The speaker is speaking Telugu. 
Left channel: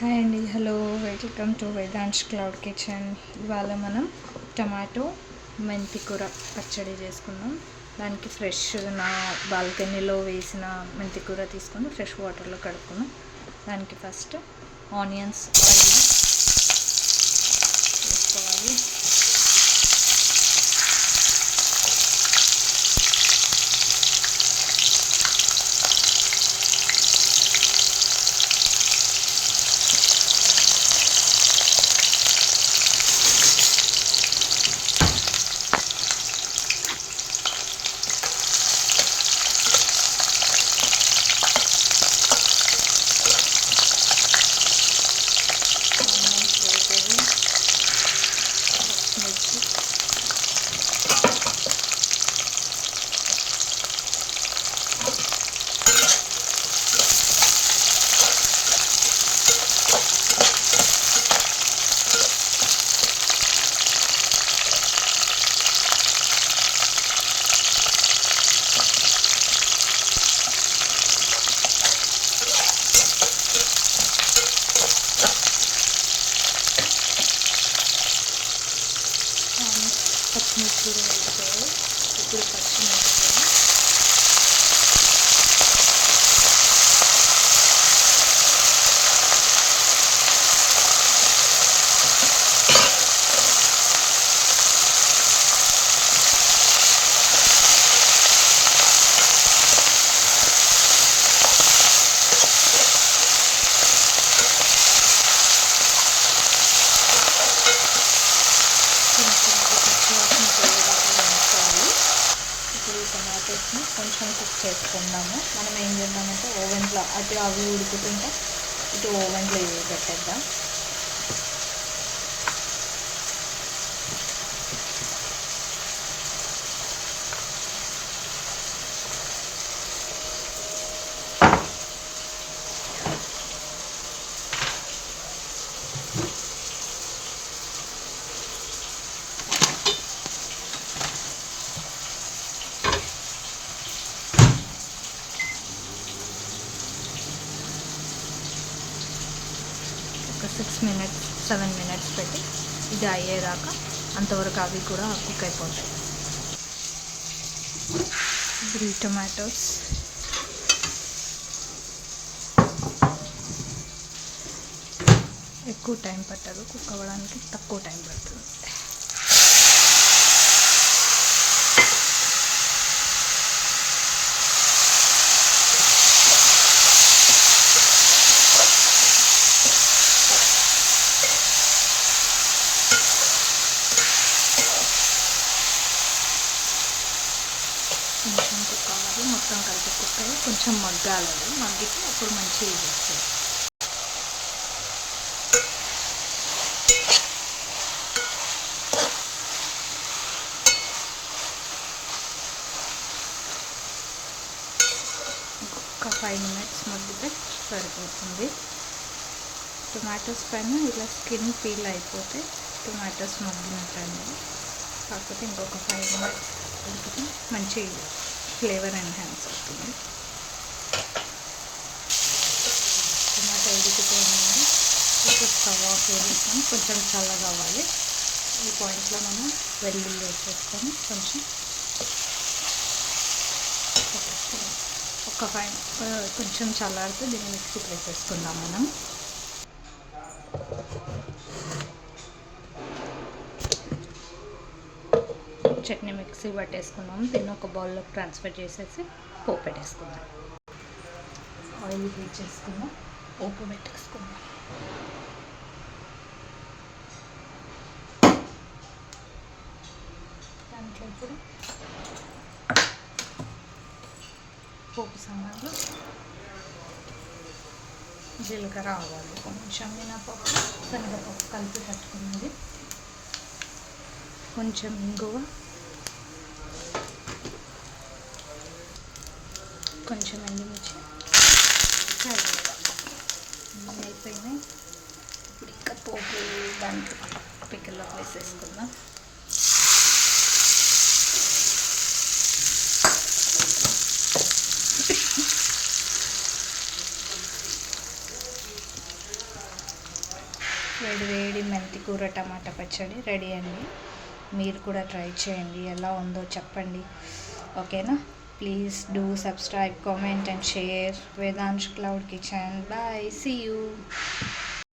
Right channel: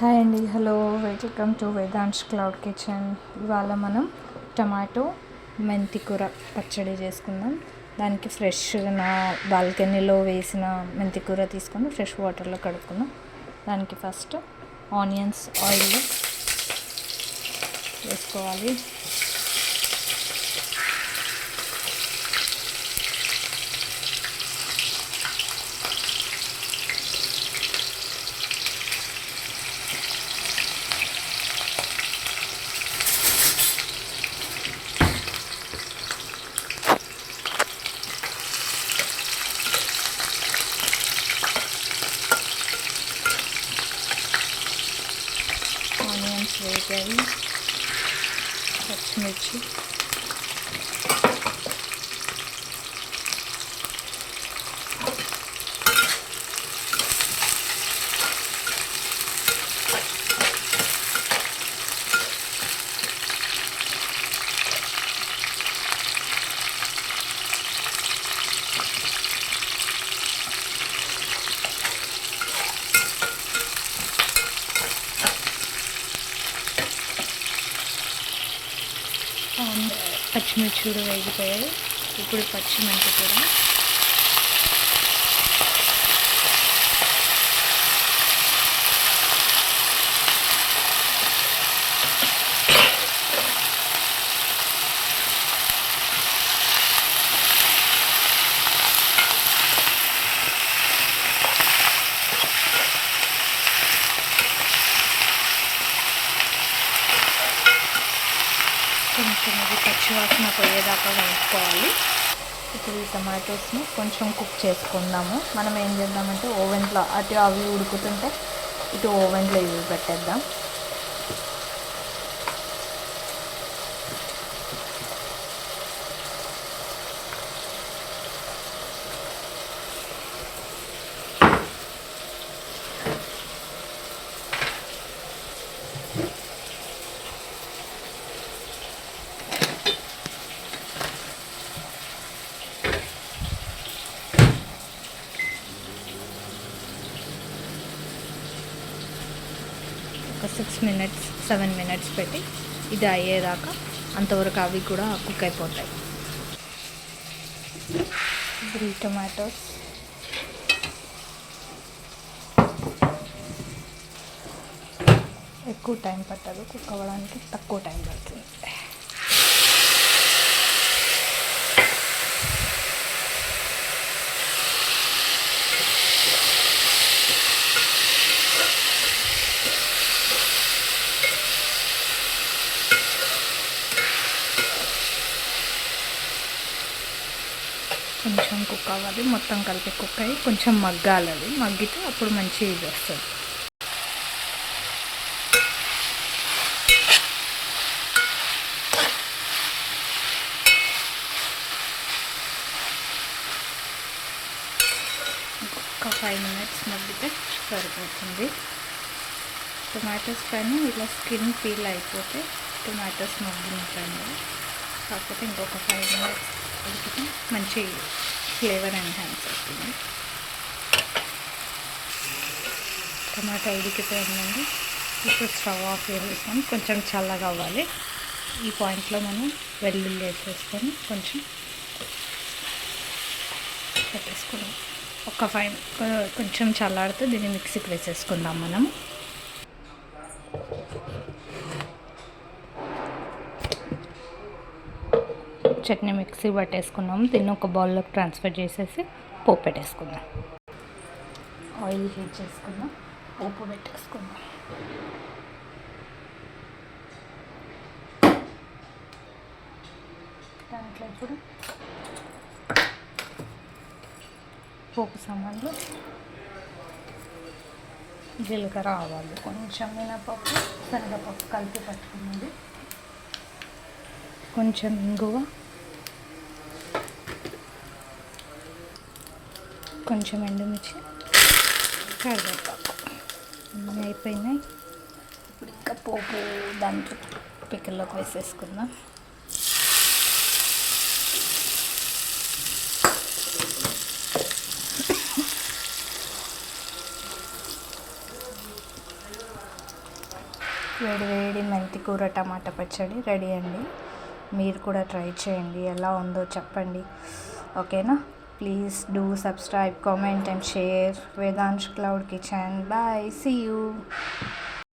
హాయ్ అండి, hello, welcome to Vedansh cloud kitchen. ఇవాళ మనం టమాటో మెంతి కూర పచ్చడి చేసుకుందాం. దానికి ఫ్రెష్గా నా బాల్కనీలో వేసిన మెంతి కూర తీసుకొని ఫ్రెష్ వాటర్లో కడుక్కున్నాం. దానికి ఫస్ట్ ఆనియన్స్ ఆయిల్ వేసుకోవాలి. ఆనియన్స్ వేగాయి, పచ్చిమిర్చి, పచ్చిమిర్చి కూడా వేగిపోయాయి. ఇప్పుడు పచ్చిమిర్చి కూడా కొంచెం పచ్చివాసన పోయేదాకా వేయించుకోవాలి. ఇప్పుడు ఈ టమాటోస్ని కొంచెం కుక్ చేసుకుందాము. మనం ఏం చేద్దామంటే ఓవెన్లో అటు అవి ఉడుకుతుంటే ఇటు ఓవెన్లో ఇవి పెట్టేద్దాం. ఒక 7 మినిట్స్ పెట్టి ఇది అయ్యేదాకా అంతవరకు అవి కూడా కుక్ అయిపోతాయి. ఇప్పుడు ఈ టమాటోస్ ఎక్కువ టైం పట్టదు కుక్ అవ్వడానికి, తక్కువ టైం పడుతుంది. కొంచెం కుక్ అవ్వాలి, మొత్తం కలిపి కుక్ అయ్యి కొంచెం మగ్గాలి. మగ్గితే అప్పుడు మంచిగా ఇది వస్తుంది. ఇంకొక 5 మినిట్స్ మగ్గితే సరిపోతుంది. టొమాటోస్ పైన ఇలా స్కిన్ పీల్ అయిపోతే టొమాటోస్ మగ్గినట్టండి. కాకపోతే ఇంకొక 5 మినిట్స్ ఉడికితే మంచి ఫ్లేవర్ ఎన్హాన్స్ అవుతుంది. టమాటా ఉడికిపోయిందండి. ఇప్పుడు స్టవ్ ఆఫ్ చేసేసుకొని కొంచెం చల్లగా అవ్వాలి. ఈ పాయింట్లో మనం వెల్లుల్లి వేసేసుకొని కొంచెం పెట్టేసుకున్నాం. కొంచెం చల్లారితే దీన్ని మిక్సీకి వేసేసుకుందాం మనం. చట్నీ మిక్సీ పట్టేసుకున్నాము. దీన్ని ఒక బౌల్లోకి ట్రాన్స్ఫర్ చేసేసి పోపు పెట్టేసుకుందాం. ఆయిల్ హీట్ చేసుకుందాం, పోపు పెట్టేసుకుందాం. దాంట్లో ఇప్పుడు పోపు సామాన్లు జీలకర్ర, ఆవాలు, కొంచెం మినపప్పు, శనగపప్పు కలిపి పట్టుకున్నది, కొంచెం ఇంగువ, కొంచెం ఎండుమిర్చి, కరివేపాకు అయిపోయినాయి. ఇప్పుడు ఇంకా పోపు దాంట్లో పిక్కల్లోకి వేసేసుకుందాం. వేడి వేడి మెంతి కూర టమాటా పచ్చడి రెడీ అండి. మీరు కూడా ట్రై చేయండి, ఎలా ఉందో చెప్పండి. ఓకేనా? Please do subscribe, comment and share Vedansh cloud kitchen. Bye, see you.